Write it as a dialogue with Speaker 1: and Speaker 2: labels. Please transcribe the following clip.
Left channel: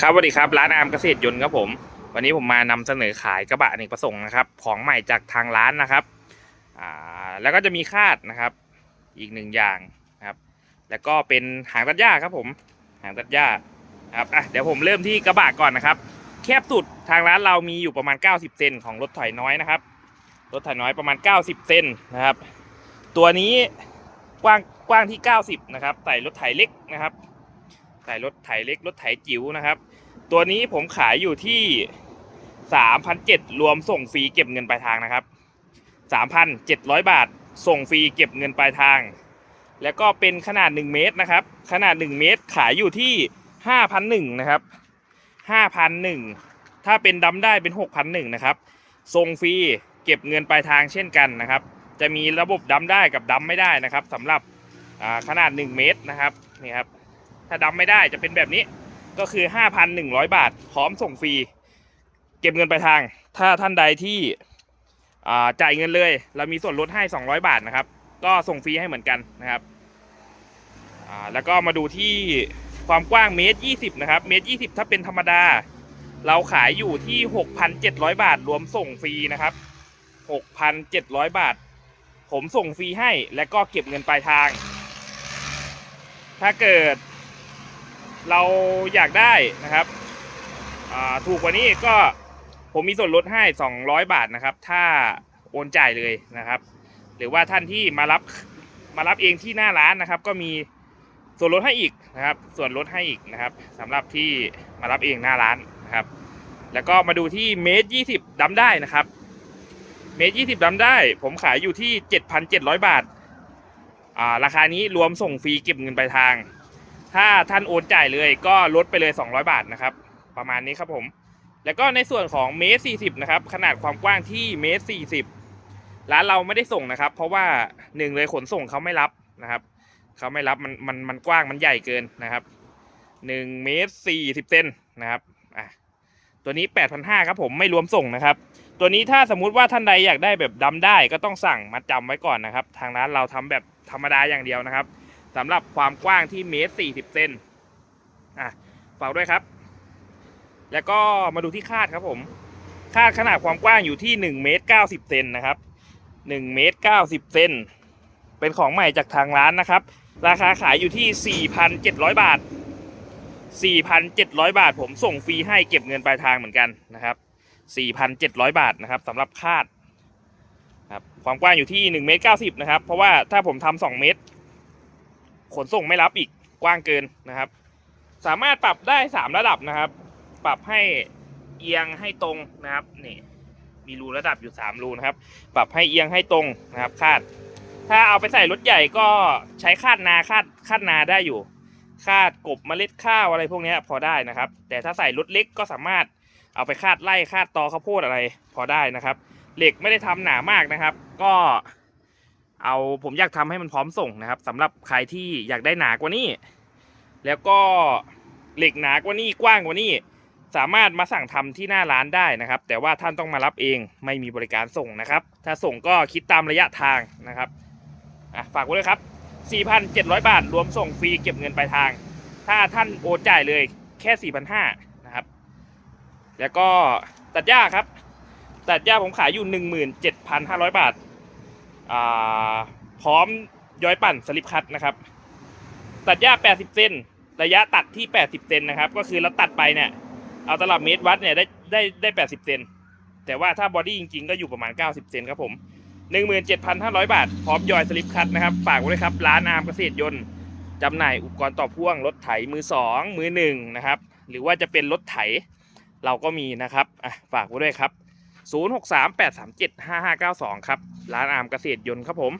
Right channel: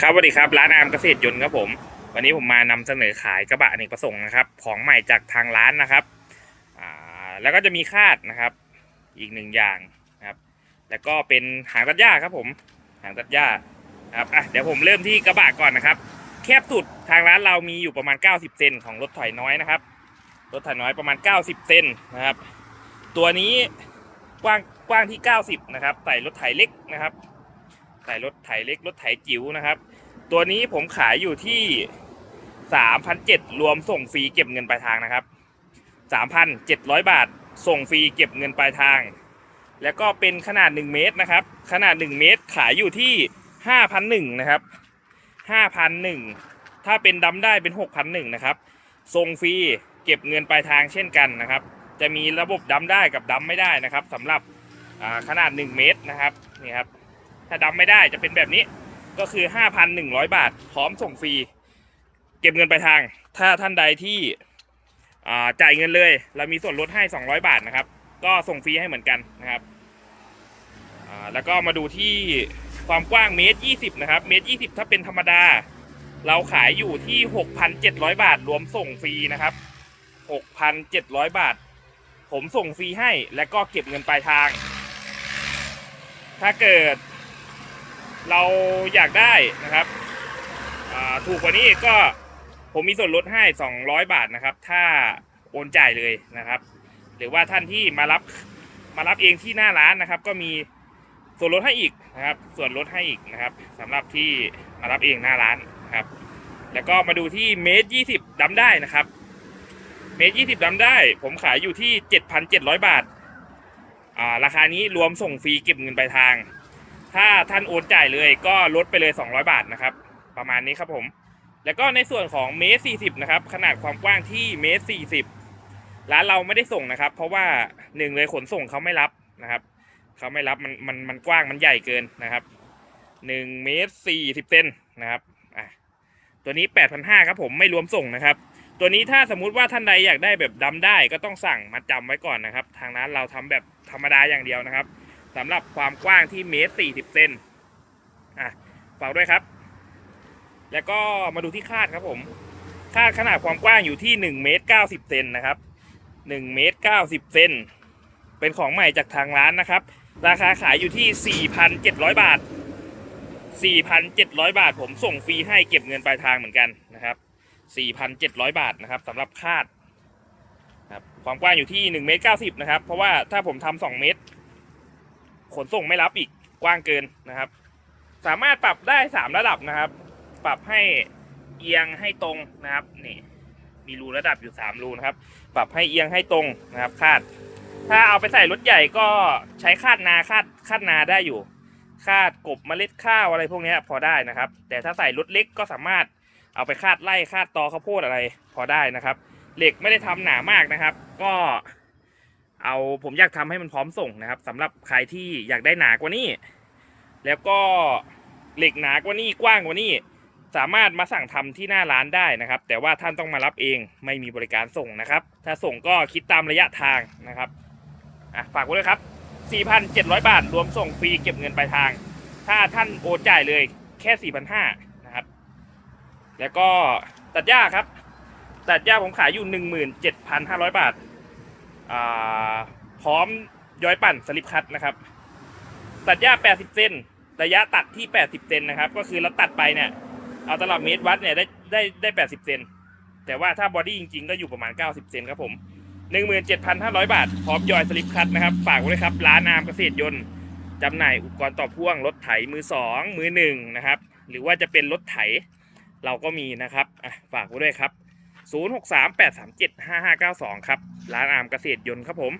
Speaker 1: ครับสวัสดีครับร้านอาร์มเกษตรยนต์ครับผม วันนี้ผมมานำเสนอขายกระบะอเนกประสงค์นะครับ ของใหม่จากทางร้านนะครับอ่าแล้วก็จะมีคาดนะครับ อีกหนึ่งอย่างนะครับ แล้วก็เป็นหางตัดหญ้าครับผมหางตัดหญ้าครับอะเดี๋ยวผมเริ่มที่กระบะก่อนนะครับ แคบสุดทางร้านเรามีอยู่ประมาณ 90 เซนของรถไถน้อยนะครับรถไถน้อยประมาณ 90 เซนนะครับ ตัวนี้กว้างกว้างที่ 90 นะครับ ใส่รถไถเล็กนะครับ ใส่รถไถเล็กรถไถจิ๋วนะครับ ตัวนี้ผมขายอยู่ที่3,700รวมส่งฟรีเก็บเงินปลายทางนะครับ3,700บาท ส่งฟรีเก็บเงินปลายทาง แล้วก็เป็นขนาด1เมตรนะครับ ขนาด1เมตรขายอยู่ที่5,001นะครับ5,001ถ้าเป็นดำได้เป็น6,001นะครับส่งฟรีเก็บเงินปลายทางเช่นกันนะครับ จะมีระบบดำได้กับดำไม่ได้นะครับสำหรับอ่าขนาด 1 เมตรนะครับนี่ครับ ถ้าดำไม่ได้จะเป็นแบบนี้ ก็คือ 5,100 บาท พร้อมส่งฟรี เก็บเงินไปลายทาง ถ้าท่านใดที่จ่ายเงินเลย เรามีส่วนลดให้ 200 บาทนะครับ ก็ส่งฟรีให้เหมือนกันนะครับแล้วก็มาดูที่ความกว้างเมตร20 นะครับ เมตร20 ถ้าเป็นธรรมดา เราขายอยู่ที่ 6,700 บาท รวมส่งฟรีนะครับ 6,700 บาท ผมส่งฟรีให้ และก็เก็บเงินปลายทาง ถ้าเกิด เราอยากได้นะครับถูกกว่านี้ก็ผมมีส่วนลดให้ 200 บาทนะครับ ถ้าโอนจ่ายเลยนะครับ หรือว่าท่านที่มารับมารับเองที่หน้าร้านนะครับ ก็มีส่วนลดให้อีกนะครับ ส่วนลดให้อีกนะครับสำหรับที่มารับเองหน้าร้านนะครับ แล้วก็มาดูที่เมตรยี่สิบดำได้นะครับ เมตรยี่สิบดำได้ ผมขายอยู่ที่7,700บาทอ่าราคานี้รวมส่งฟรีเก็บเงินปลายทาง ถ้าท่านโอนจ่ายเลยก็ลดไปเลย 200 บาทนะครับ ประมาณนี้ครับผม แล้วก็ในส่วนของเมตร40นะครับ ขนาดความกว้างที่เมตร40ร้านเราไม่ได้ส่งนะครับ เพราะว่าหนึ่งเลยขนส่งเขาไม่รับนะครับเขาไม่รับมันมันมันกว้างมันใหญ่เกินนะครับ1เมตร40เซนนะครับอะตัวนี้8,500ครับผมไม่รวมส่งนะครับ ตัวนี้ถ้าสมมุติว่าท่านใดอยากได้แบบดำได้ก็ต้องสั่งมาจำไว้ก่อนนะครับ ทางร้านเราทำแบบธรรมดาอย่างเดียวนะครับ สำหรับความกว้างที่เมตรสี่สิบเซนอะฝากด้วยครับ แล้วก็มาดูที่คาดครับผม คาดขนาดความกว้างอยู่ที่หนึ่งเมตรเก้าสิบเซนนะครับหนึ่งเมตรเก้าสิบเซนเป็นของใหม่จากทางร้านนะครับ ราคาขายอยู่ที่สี่พันเจ็ดร้อยบาทสี่พันเจ็ดร้อยบาท ผมส่งฟรีให้เก็บเงินปลายทางเหมือนกันนะครับสี่พันเจ็ดร้อยบาทนะครับสำหรับคาดครับความกว้างอยู่ที่หนึ่งเมตรเก้าสิบนะครับ เพราะว่าถ้าผมทำสองเมตร ขนส่งไม่รับอีกกว้างเกินนะครับ สามารถปรับได้สามระดับนะครับ ปรับให้เอียงให้ตรงนะครับนี่มีรูระดับอยู่สามรูนะครับ ปรับให้เอียงให้ตรงนะครับ คาด ถ้าเอาไปใส่รถใหญ่ก็ใช้คาดนาคาดคาดนาได้อยู่คาดกบเมล็ดข้าวอะไรพวกนี้พอได้นะครับ แต่ถ้าใส่รถเล็กก็สามารถเอาไปคาดไล่คาดตอข้าวโพดอะไรพอได้นะครับ เหล็กไม่ได้ทำหนามากนะครับ ก็ เอาผมอยากทำให้มันพร้อมส่งนะครับสำหรับใครที่อยากได้หนากว่านี้ แล้วก็เหล็กหนากว่านี้กว้างกว่านี้สามารถมาสั่งทำที่หน้าร้านได้นะครับ แต่ว่าท่านต้องมารับเองไม่มีบริการส่งนะครับ ถ้าส่งก็คิดตามระยะทางนะครับอะฝากไว้ด้วยครับ 4,700 บาท รวมส่งฟรีเก็บเงินปลายทาง ถ้าท่านโอนจ่ายเลยแค่ 4,500นะครับ แล้วก็ตัดหญ้าครับ ตัดหญ้าผมขายอยู่ 17,500 บาทอ่า พร้อมย้อยปั่นสลิปคัตนะครับ ตัดหญ้า 80 เซนระยะตัดที่ 80 เซนนะครับ ก็คือเราตัดไปเนี่ยเอาตลับเมตรวัดเนี่ยได้ได้ได้ 80 เซนแต่ว่าถ้าบอดี้จริงๆ ก็อยู่ประมาณ 90 เซนครับผม 17,500 บาท พร้อมยอยสลิปคัตนะครับ ฝากไว้เลยครับ ร้านอามเกษตรยนต์จำหน่ายอุปกรณ์ต่อพ่วงรถไถมือ 2 มือ1นะครับ หรือว่าจะเป็นรถไถเราก็มีนะครับฝากไว้ด้วยครับ 0638375592 ครับ ร้านอามเกษตรยนต์ครับผม